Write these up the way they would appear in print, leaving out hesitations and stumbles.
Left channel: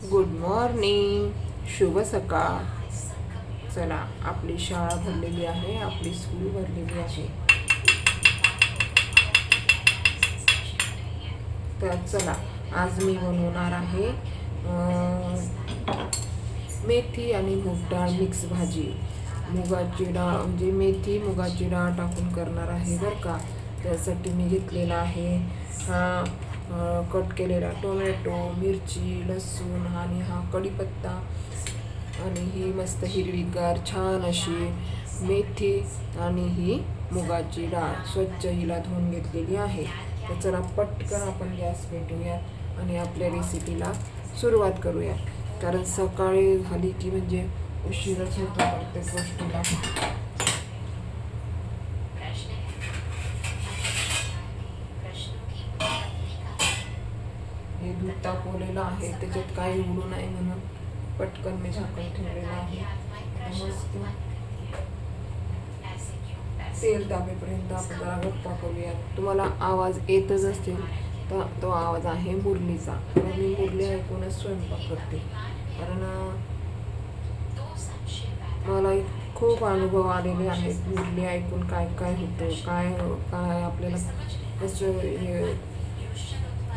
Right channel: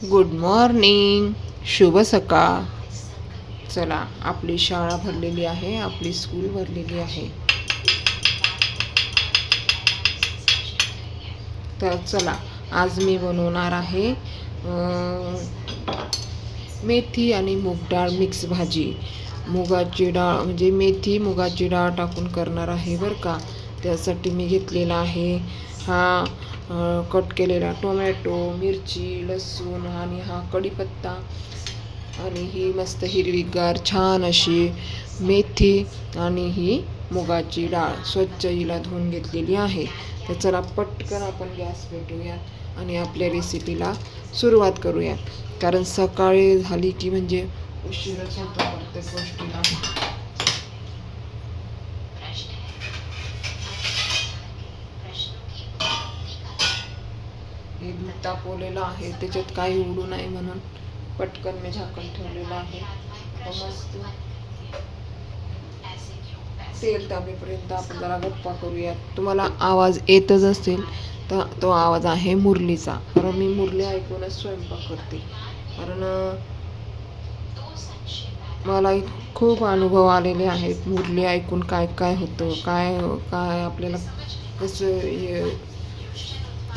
Good morning, शुभ सकाळ. चला, आपली शाळा भरलेली आहे, आपली स्कूल भरलेली आहे. तर चला, आज मी बनवणार आहे मेथी आणि मूग डाळ मिक्स भाजी. मुगाची डाळ म्हणजे मेथी मुगाची डाळ टाकून करणार आहे बरं का. त्यासाठी मी घेतलेला आहे हा कट केलेला टोमॅटो, मिरची, लसूण आणि हा कढीपत्ता आणि ही मस्त हिरवीगार छान अशी मेथी आणि ही मुगाची डाळ स्वच्छ हिला धुवून घेतलेली आहे. तर चला पटकन आपण गॅस पेटवूया आणि आपल्या रेसिपीला सुरुवात करूया. कारण सकाळी झाली की म्हणजे उशीरच होतो प्रत्येक गोष्टीला. हे दूध तापवलेलं आहे, त्याच्यात काही उडू नाही म्हणून पटकन मी झाकण ठेवलेलं आहे. मस्त तेल तापेपर्यंत आपण जरा गप्पा करूया. तुम्हाला आवाज येतच असेल तर तो आवाज आहे मुरलीचा, कारण मी मुरली ऐकूनच स्वयंपाक करते. कारण मला खूप अनुभव आलेले आहेत मुरली ऐकून, काय काय होतं, काय काय आपल्याला कसं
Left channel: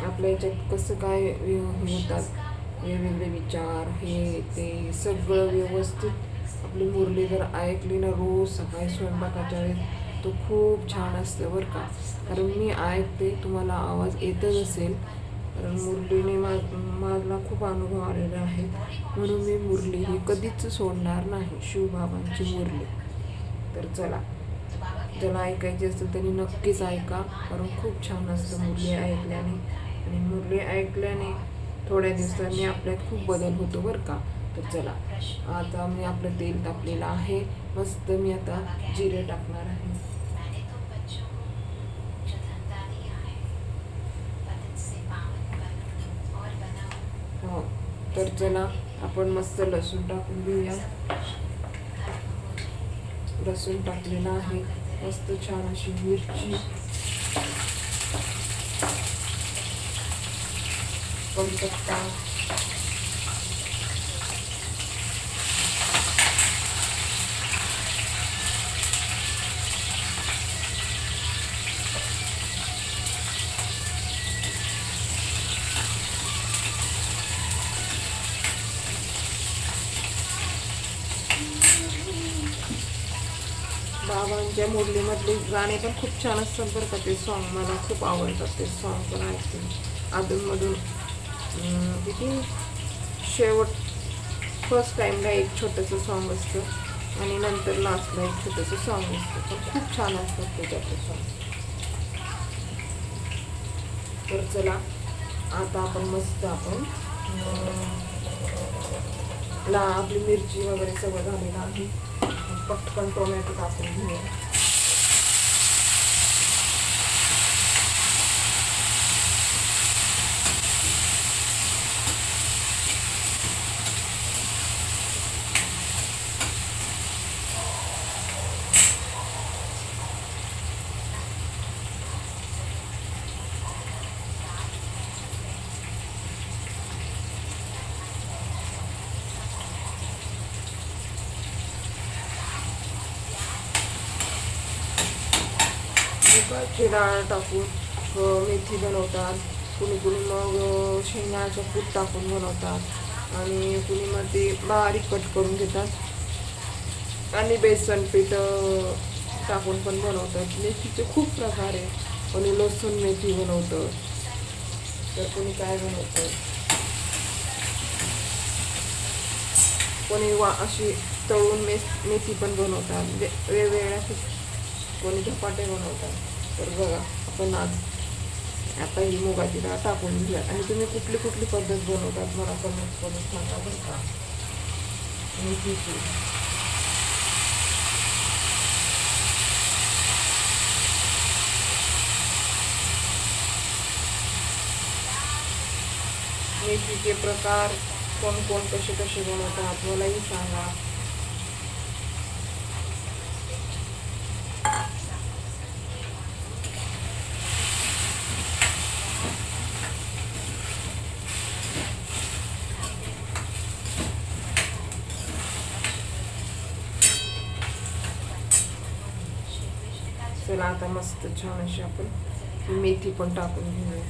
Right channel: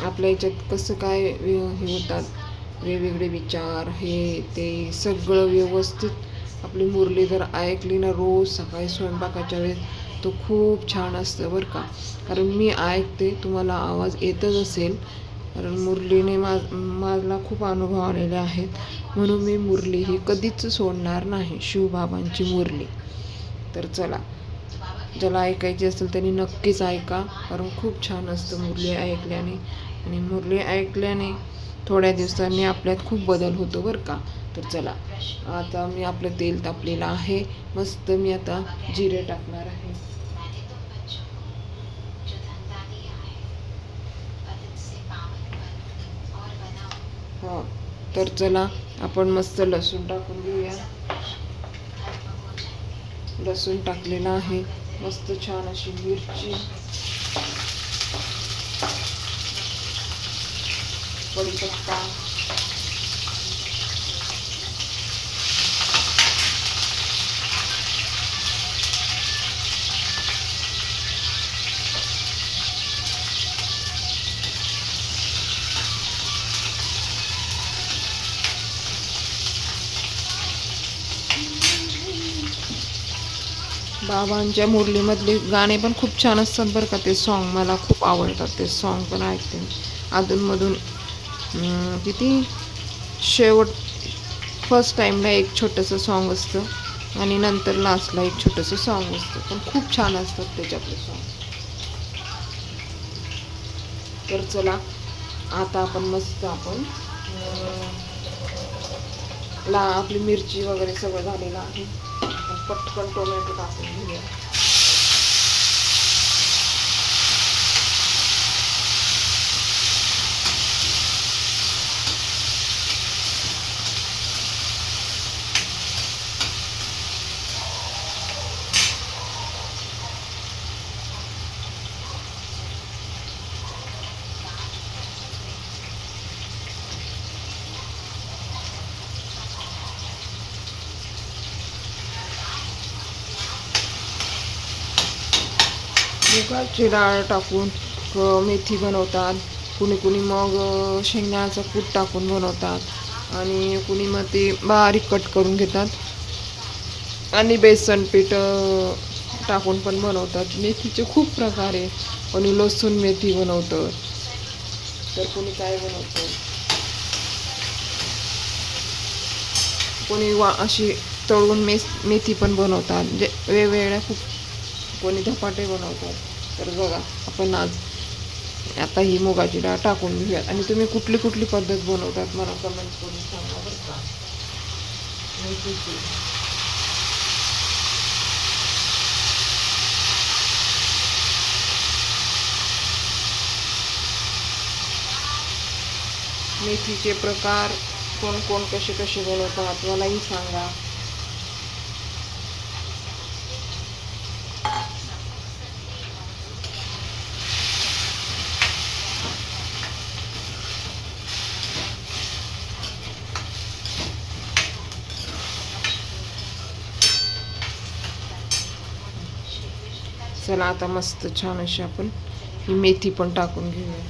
आपल्या याच्यात कसं काय हे होतात वेगवेगळे विचार, हे ते सगळं व्यवस्थित आपली मुरली जर ऐकली ना रोज सकाळी स्वयंपाकाच्या वेळेस, तो खूप छान असतं बरं का. कारण मी ऐकते, तुम्हाला आवाज येतच असेल. कारण मुरलीने मला खूप अनुभव आलेले आहेत, म्हणून मी मुरली ही कधीच सोडणार नाही, शिवबाबांची मुरली. तर चला, ज्याला ऐकायची असेल त्यांनी नक्कीच ऐका, कारण खूप छान असतं मुरली ऐकल्याने. आणि मुरली ऐकल्याने थोड्या दिवसांनी आपल्यात खूप बदल होतो बरं का. तर चला, आता मी आपलं तेल तापलेलं आहे, मस्त मी आता जिरे टाकणार आहे. हो, तर चला आपण मस्त लसूण टाकून घेऊया. लसूण टाकलेला आहे, मस्त छान अशी मिरची, कढीपत्ता, बाबांच्या मुरलीमधले गाणे पण खूप छान असतात बरं का. ते सॉन्ग मला खूप आवडतात, ते सॉन्ग पण ऐकते मी अधूनमधून. किती शेवट फर्स्ट टाईमला एक छोटंसं सॉन्ग असतं आणि नंतर लास्टला एक छोटंसं सॉन्ग असतं, पण खूप छान असतात त्याच्यातले सॉन्ग. तर चला, आता आपण मस्त आपण आपली मिरची वगैरे सगळं झालेलं आहे. पटकन टोमॅटो टाकून घेऊया. मुगाची डाळ टाकून मेथी बनवतात, कुणी कुणी मग शेंगदाण्याचं कूट टाकून बनवतात आणि कुणी मग ते बारीक कट करून घेतात आणि बेसन पीठ टाकून पण बनवतात. मेथीचे खूप प्रकार आहे, कोणी लसूण मेथी बनवतं, तर कोणी काय बनवतं, कोणी अशी तळून मेथी पण बनवतात, म्हणजे वेगवेगळ्या खूप, कोणी धपाटे बनवतात. तर बघा, आपण आज आता ही मुगाची डाळ टाकून घेऊयात आणि तुम्ही कुठली कुठली पद्धत बनवतात मला कमेंट करून सांगा बरं का. मेथीची मेथीचे प्रकार कोण कोण कसे कसे बनवतात मलाही सांगा. चला आता मस्त छान अशी आपण ही मेथी पण टाकून घेऊया.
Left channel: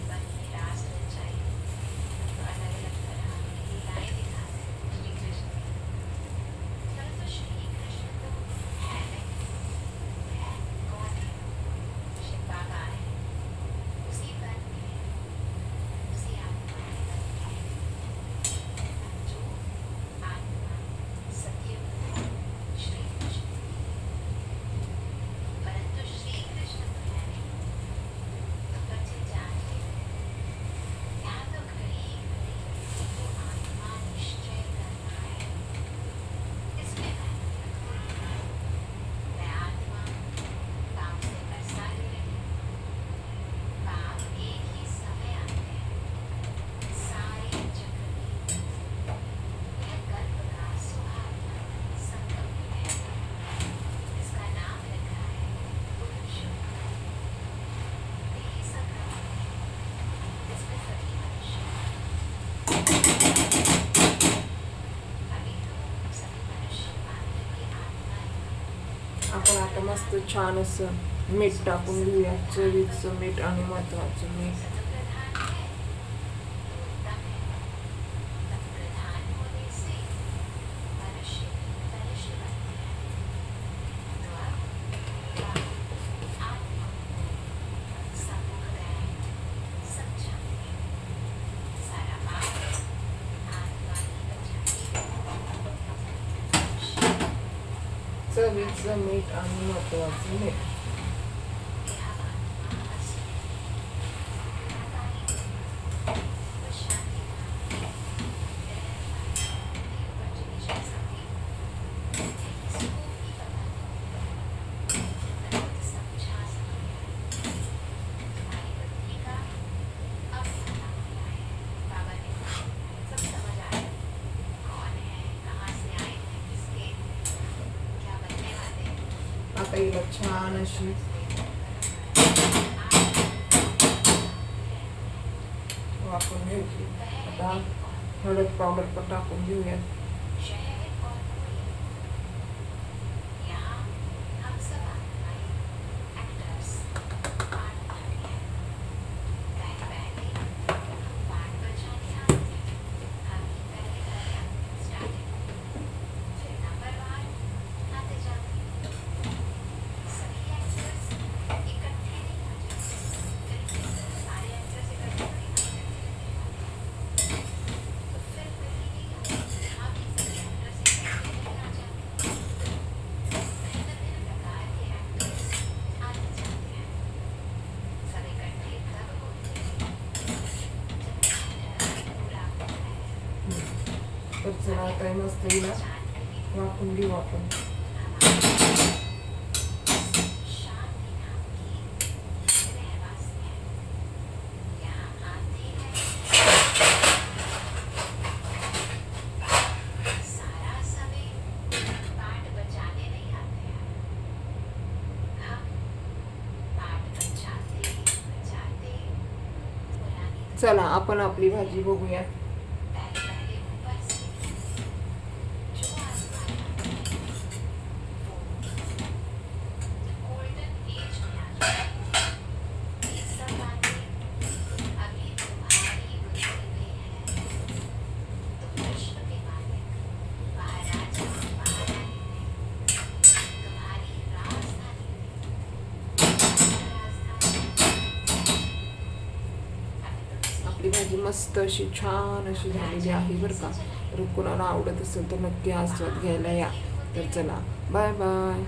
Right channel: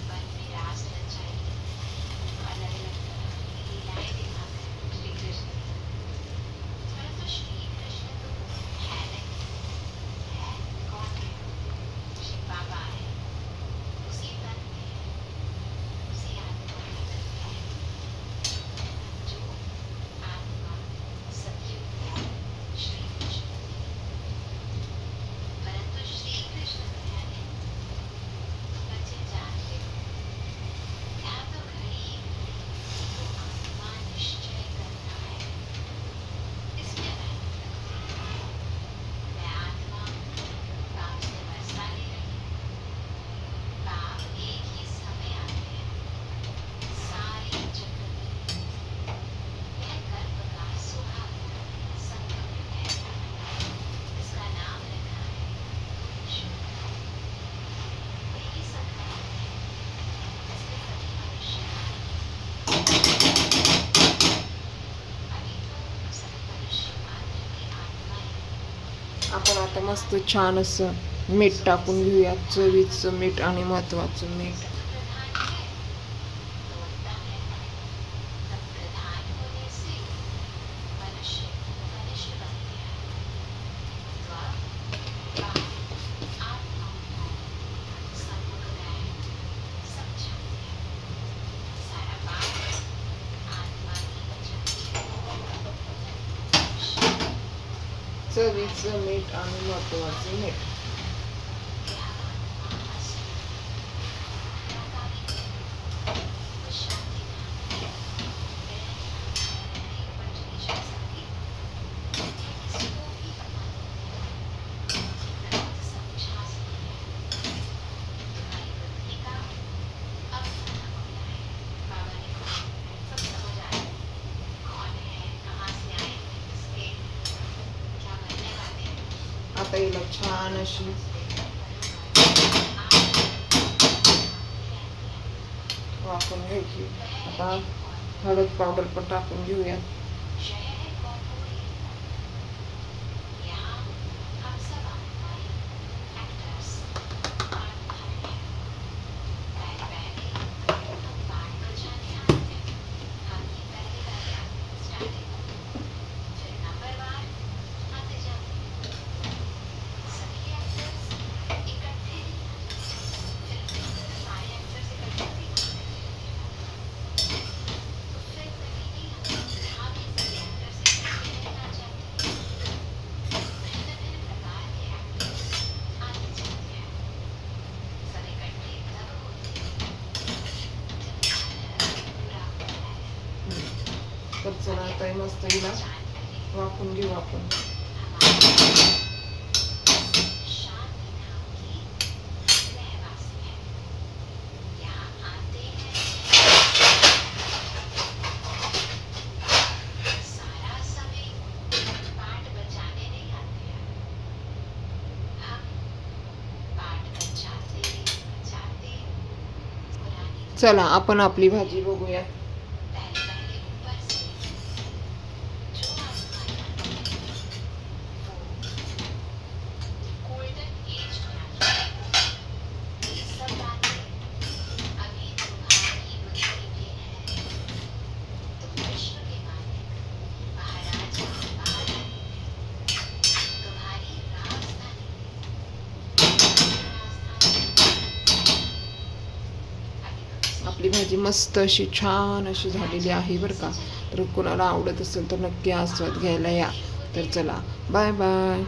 आपण आता मस्त छान असं मीठ टाकून घेऊया, चवीचं मीठ आणि महत्वाचं मीठ. चवीचं मीठ आणि महत्वाचं मीठ. आता हिला छान अशी वाफवून घ्यायची. आता हळद पावडर पण टाकून घेऊयात. तर चला आता हे मस्त हिला वाफवून घेऊ आपण. चला आपण आपली भाजी बघूया. आपली भाजी मस्त अशी छान अशी झालेली आहे बरं का. तर कोणाला आवडत असेल तर नक्की आस्वाद घ्यायला या. तर चला बाय बाय.